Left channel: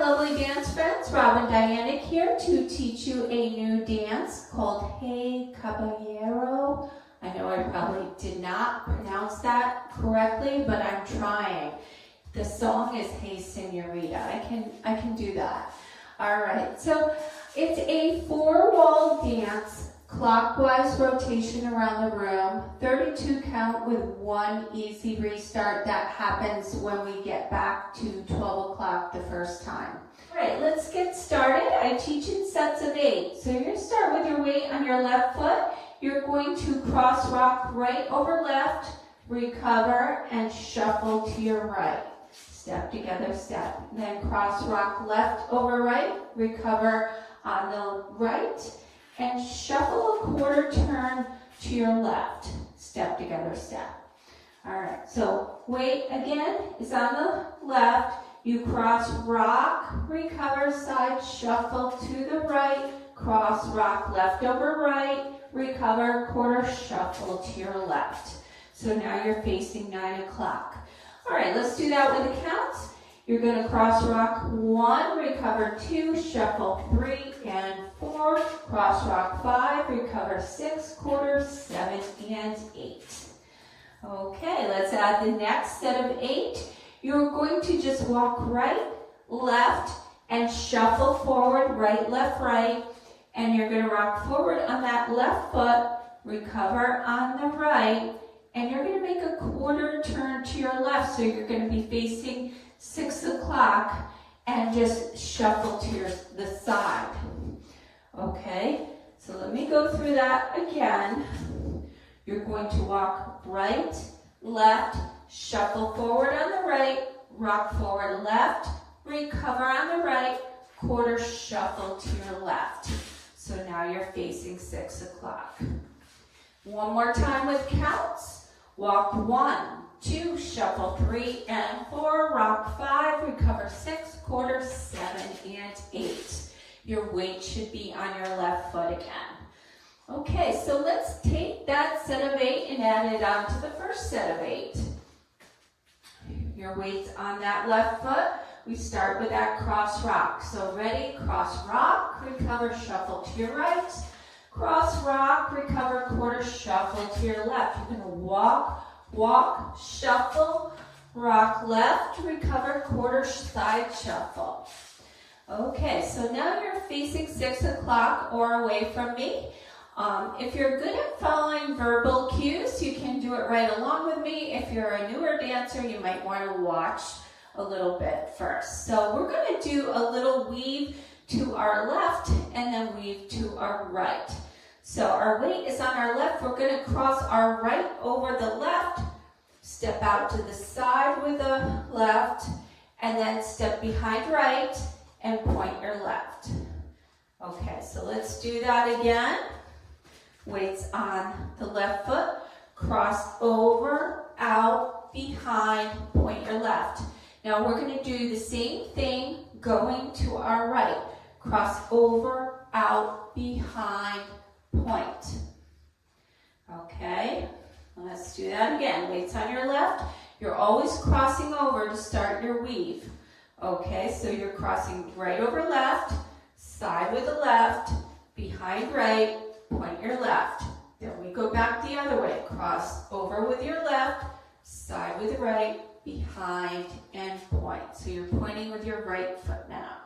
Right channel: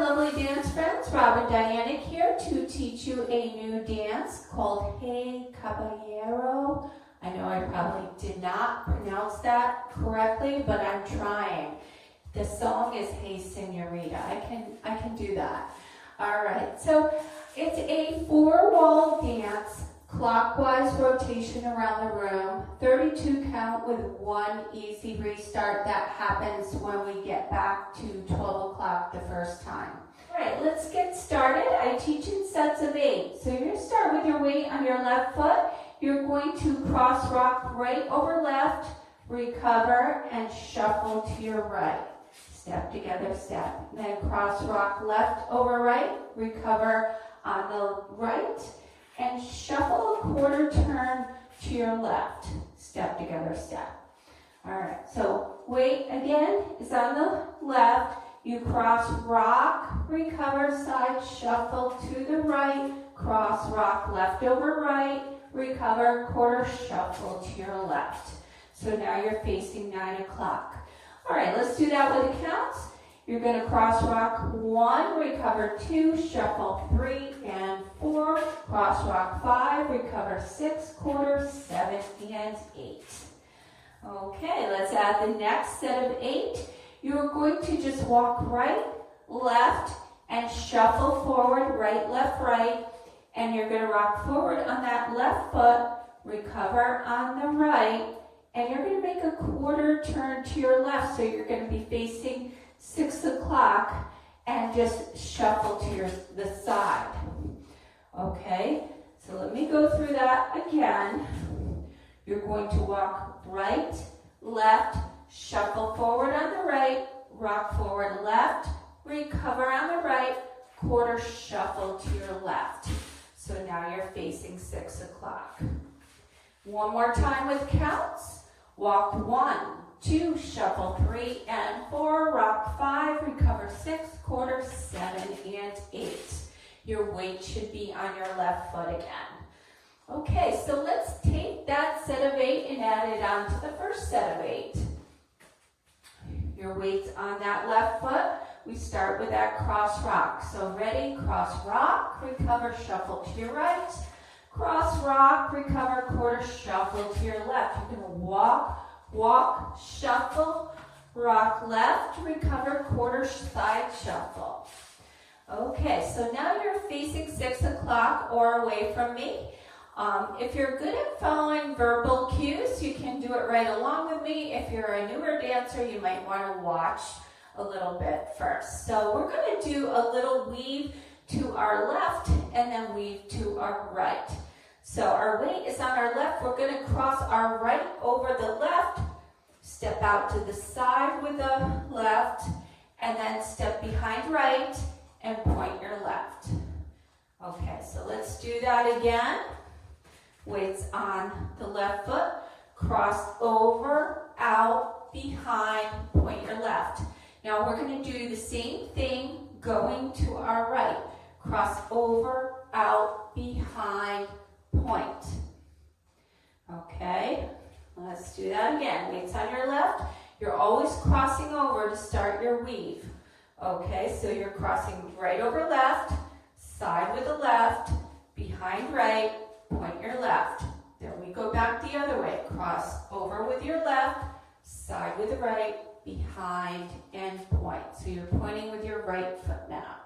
lovely dance friends, Rob and Dyanick here to teach you a new dance called Hey Caballero. I know I probably did not pronounce that correctly, but I'm trying. The song is Hey Señorita. I can do that. All right, so it's a 4-wall dance, clockwise rotation around the room, 32 count with 1 easy restart that happens when we get back to 12 o'clock the first time. All right, let's get started. I teach in sets of 8. So you're going to start with your weight on your left foot. You're going to cross rock right over left, recover, and shuffle to your right. Step together, step. Then cross rock left over right, recover on the right, and shuffle a quarter turn to your left. Step together, step. All right, so weight again is on the left. You cross rock, recover side, shuffle to the right, cross rock left over right, recover, quarter, shuffle to your left. So now you're facing 9 o'clock. All right, let's do that with the counts. You're going to cross rock 1, recover 2, shuffle 3 and 4, cross rock 5, recover 6, quarter, 7 and 8. Okay, let's add the next set of 8. You're going to just walk right, left, and shuffle forward, right, left, right, and you're going to rock forward on that left foot, recover on the right, and you're going to make a quarter turn to your left, so you're going to be facing 6 o'clock and just shuffle to the side. Okay, so let me go through that again. You're going to walk right, left, shuffle forward on the right, rock forward left, recover on the right, quarter shuffle to your left. So now you're facing 6 o'clock. One more time with counts. Walk 1, 2, shuffle 3 and 4, rock 5, recover 6, quarter, 7 and 8. Your weight should be on your left foot again. Okay, so let's take that set of 8 and add it on to the first set of 8. Your weight's on that left foot. We start with that cross rock. So ready, cross rock, recover, shuffle to your right. Cross rock, recover, quarter, shuffle to your left. You're going to walk, shuffle, rock left, recover, quarter, side shuffle. Okay, so now you're facing 6 o'clock or away from me. If you're good at following verbal cues, you can do it right along with me. If you're a newer dancer, you might want to watch a little bit first. So we're going to do a little weave to our left and then weave to our right. So our weight is on our left. We're going to cross our right over the left, step out to the side with the left, and then step behind right and point your left. Okay, so let's do that again. Weight's on the left foot, cross over, out, behind, point your left. Now we're going to do the same thing going to our right. Cross over, out, behind, point. Okay, let's do that again. Weight's on your left. You're always crossing over to start your weave. Okay, so you're crossing right over left, side with the left, behind right, point your left. Then we go back the other way. Cross over with your left, side with the right, behind, and point. So you're pointing with your right foot now.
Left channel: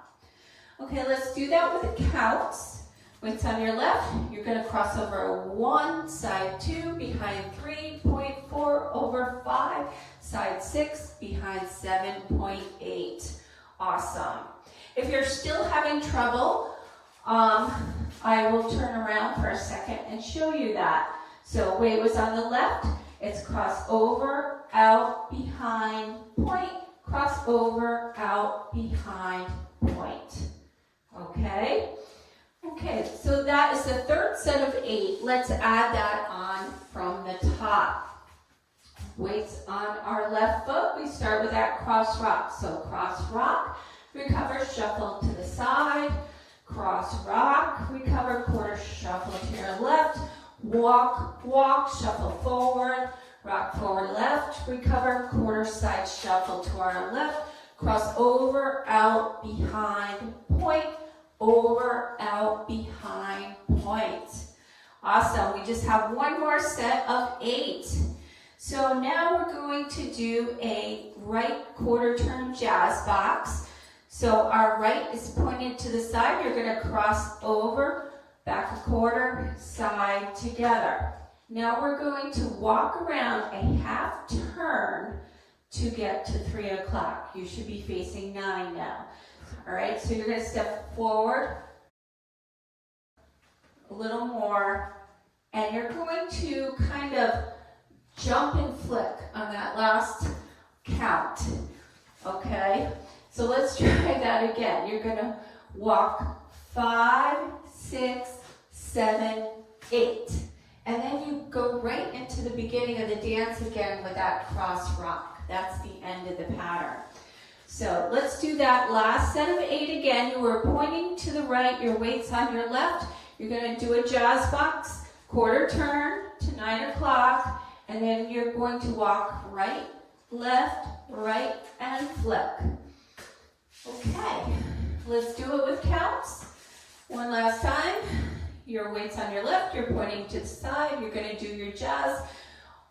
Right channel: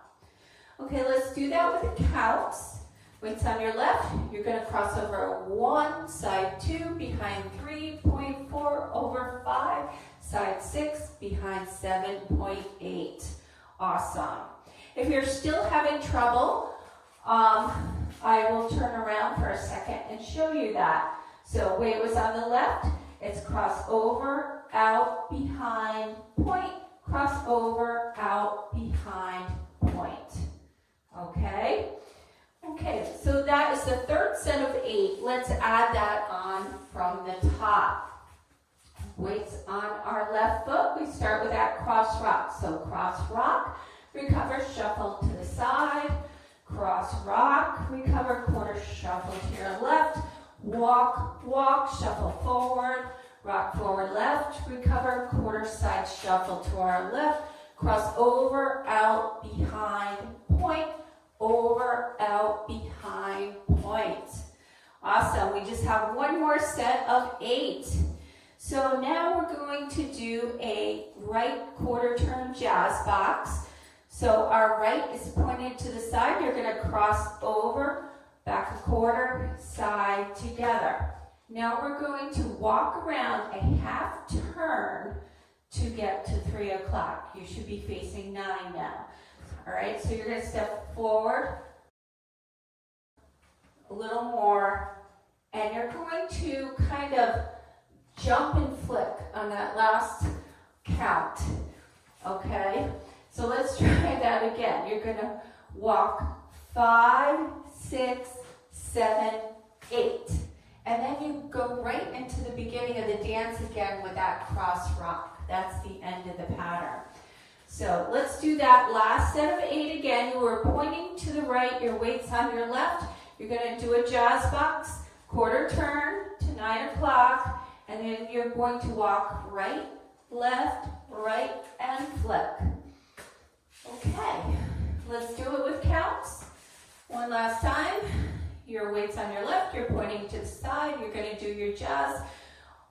Okay, let's do that with the counts. Weight's on your left. You're going to cross over 1, side 2, behind 3, point 4, over 5, side 6, behind 7.8. Awesome. If you're still having trouble, I will turn around for a second and show you that. So weight was on the left. It's cross over, out, behind, point, cross over, out, behind, point. Okay? Okay, so that is the third set of 8. Let's add that on from the top. Weights on our left foot. We start with that cross rock. So cross rock, recover, shuffle to the side. Cross rock, recover, quarter, shuffle to your left. Walk, shuffle forward. Rock forward left, recover, quarter side shuffle to our left. cross over, out, behind, point, over, out, behind, point. Awesome. We just have one more set of 8. So now we're going to do a right quarter turn jazz box. So our right is pointed to the side. You're going to cross over, back a quarter, side, together. Now we're going to walk around a half turn to get to 3 o'clock. You should be facing 9 now. All right, so you're going to step forward a little more, and you're going to kind of jump and flick on that last count. Okay, so let's try that again. You're going to walk 5, 6, 7, 8. And then you go right into the beginning of the dance again with that cross rock. That's the end of the pattern. So let's do that last set of 8 again. You were pointing to the right, your weight's on your left. You're going to do a jazz box, quarter turn to 9 o'clock, and then you're going to walk right, left, right, and flick. Okay, let's do it with counts. One last time. Your weight's on your left, you're pointing to the side, you're going to do your jazz.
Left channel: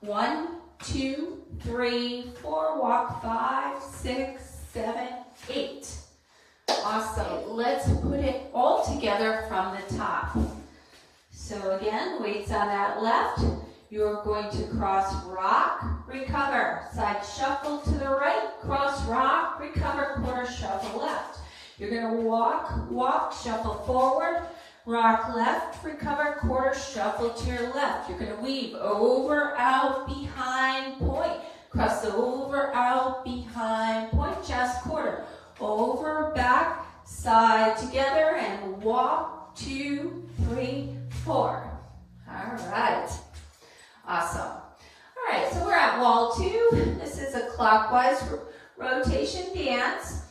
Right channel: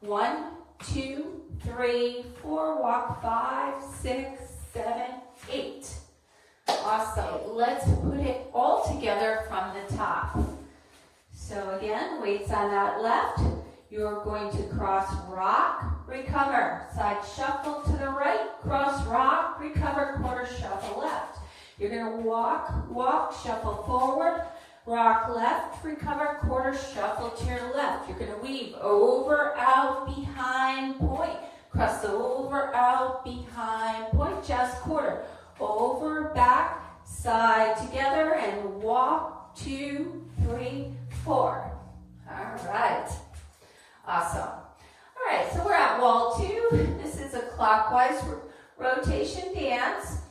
1, 2, 3, 4, walk 5, 6, 7, 8. Awesome. Let's put it all together from the top. So again, weight's on that left. You're going to cross rock, recover. Side shuffle to the right, cross rock, recover, quarter shuffle left. You're going to walk, shuffle forward, rock left, recover, quarter shuffle to your left. You're going to weave over, out, behind, point. Cross over, out, behind, point, just quarter. Over, back, side, together, and walk, 2, 3, 4. All right. Awesome. All right, so we're at wall 2. This is a clockwise rotation dance.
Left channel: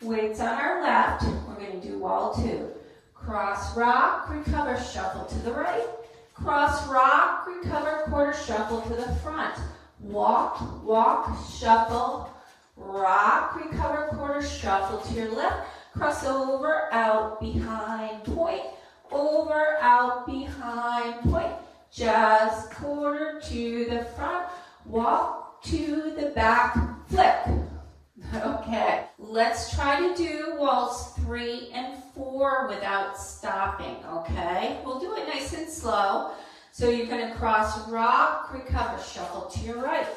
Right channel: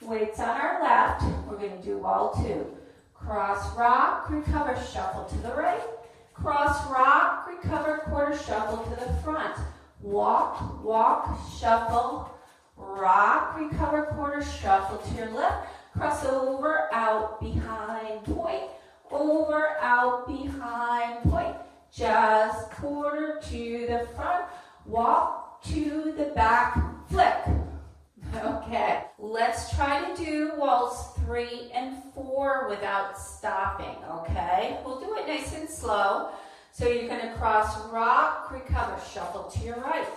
Weights on our left. We're going to do wall 2. Cross, rock, recover, shuffle to the right. Cross, rock, recover, quarter shuffle to the front. Walk, shuffle, rock, recover, quarter shuffle to your left. Cross over, out, behind, point. Over, out, behind, point. Jazz, quarter to the front. Walk to the back, flick. Okay, let's try to do walls 3 and 4 without stopping, okay? We'll do it nice and slow. So you're going to cross, rock, recover, shuffle to your right.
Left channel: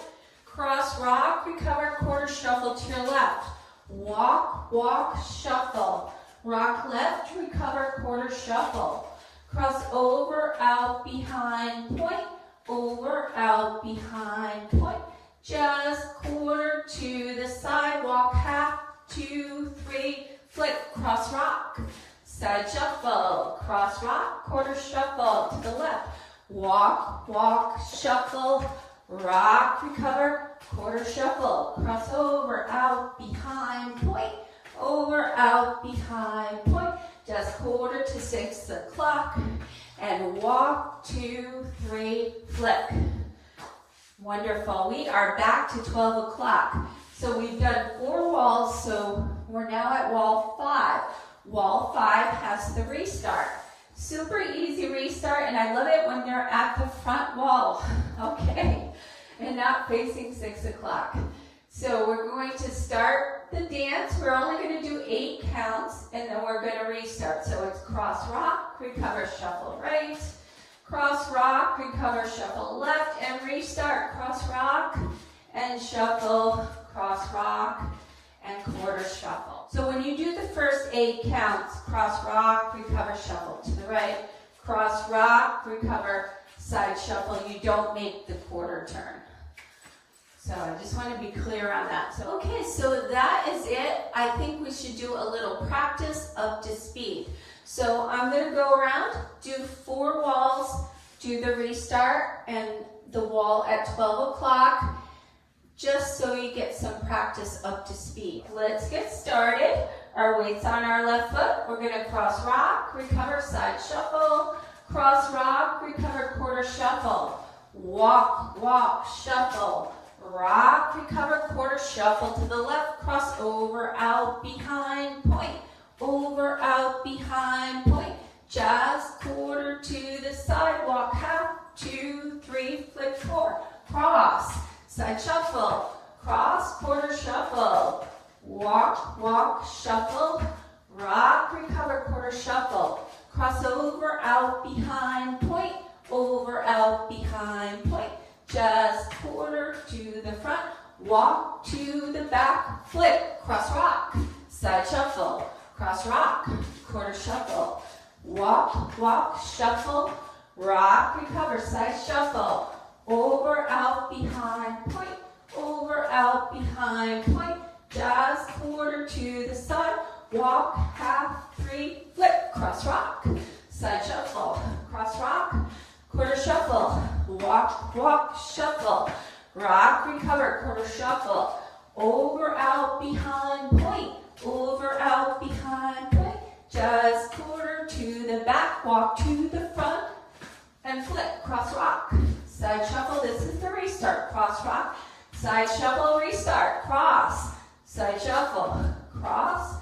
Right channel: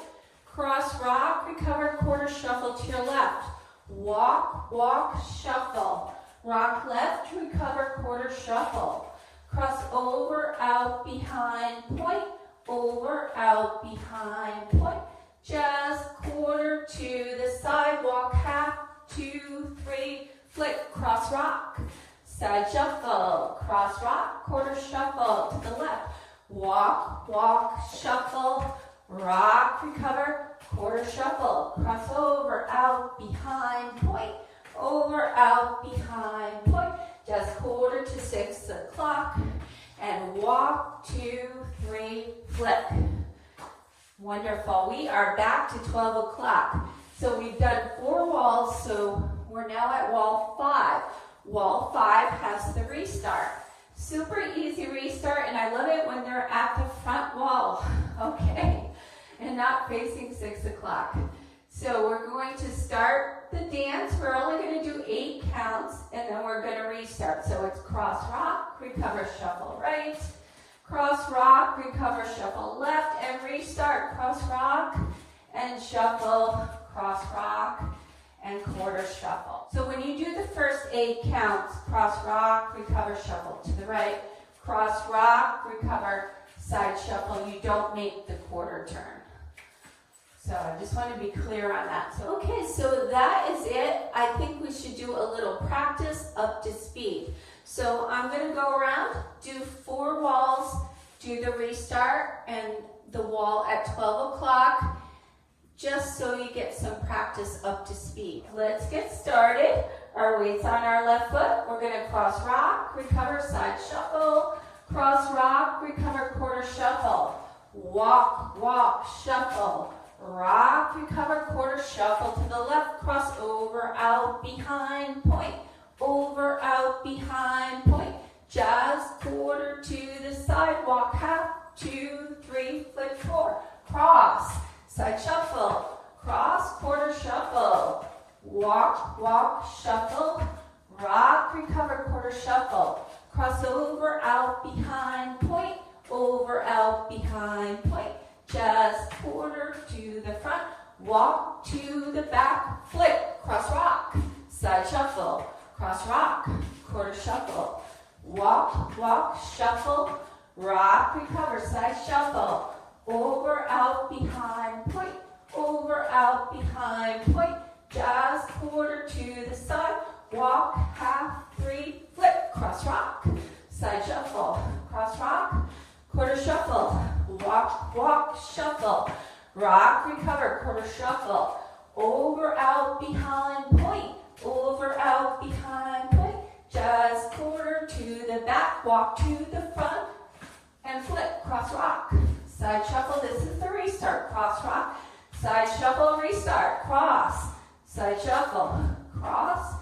Cross, rock, recover, quarter shuffle to your left. Walk, shuffle. Rock left, recover, quarter shuffle. Cross over, out, behind, point. Over, out, behind, point. Just quarter to the side, walk half, 2, 3, flick, cross rock. Side shuffle, cross rock, quarter shuffle to the left. Walk, shuffle, rock, recover, quarter shuffle. Cross over, out, behind, point. Over, out, behind, point. Just quarter to 6 o'clock. And walk, 2, 3, flick. Wonderful. We are back to 12 o'clock. So we've done 4 walls, so we're now at wall 5. Wall 5 has the restart. Super easy restart, and I love it when they're at the front wall, okay, and not facing 6 o'clock. So we're going to start the dance. We're only going to do 8 counts, and then we're going to restart. So it's cross, rock, recover, shuffle right, cross, rock, recover, shuffle left, and restart. Cross, rock, and shuffle, cross, rock, and quarter shuffle. So when you do the first 8 counts, cross, rock, recover, shuffle to the right, cross, rock, recover, side shuffle, you don't make the quarter turn. So I just want to be clear on that. So, okay, so that is it. I think we should do a little practice up to speed. So I'm going to go around, do 4 walls, do the restart and the wall at 12 o'clock, just so you get some practice up to speed. Let's get started. Our weight's on our left foot. We're going to cross, rock, recover, side shuffle, cross, rock, recover, quarter shuffle, walk, shuffle, rock, recover, quarter shuffle to the left, cross over, out, behind, point, over, out, behind, point, jazz, quarter to the side, walk half, 2, 3, flip 4, cross, side shuffle, cross, quarter shuffle, walk, walk, shuffle, rock, recover, quarter shuffle, cross over, out, behind, point, over, out, behind, point, jazz, quarter to the front, walk to the back, flip, cross rock, side shuffle, cross rock, quarter shuffle, walk, walk, shuffle, rock, recover, side shuffle, over, out, behind, point, over, out, behind, point, jazz, quarter to the side, walk, half, 3, flip, cross rock, side shuffle, cross rock, quarter shuffle, walk, walk, shuffle, rock, recover, quarter shuffle, over, out, behind, point, over, out, behind, point, jazz, quarter to the back, walk to the front, and flip, cross rock, side shuffle, this is the restart, cross rock, side shuffle, restart, cross, side shuffle, cross,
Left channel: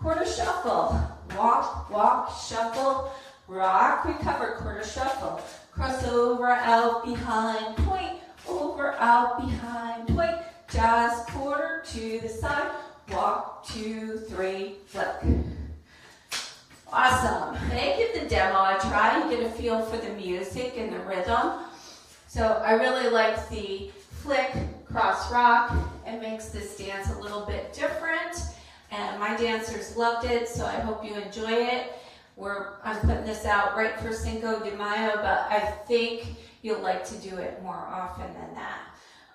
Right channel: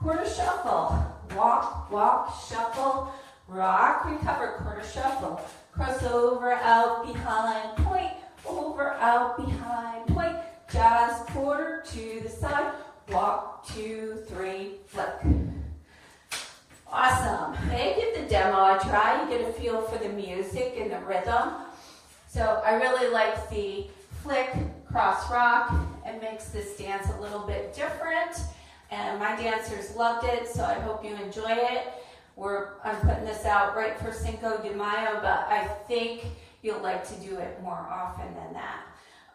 quarter shuffle, walk, walk, shuffle, rock, recover, quarter shuffle, cross over, out, behind, point, over, out, behind, point, jazz, quarter to the side, walk, 2, 3, flip. Awesome. They give the demo a try and get a feel for the music and the rhythm. So I really like the flick, cross rock. It makes this dance a little bit different. And my dancers loved it, so I hope you enjoy it. I'm putting this out right for Cinco de Mayo, but I think you'll like to do it more often than that.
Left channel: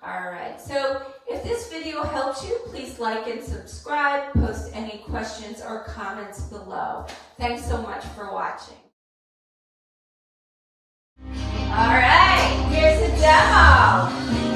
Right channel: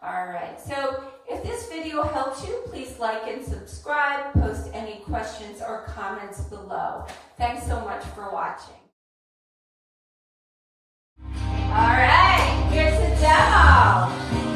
All right, so if this video helped you, please like and subscribe, post any questions or comments below. Thanks so much for watching. All right, here's the demo.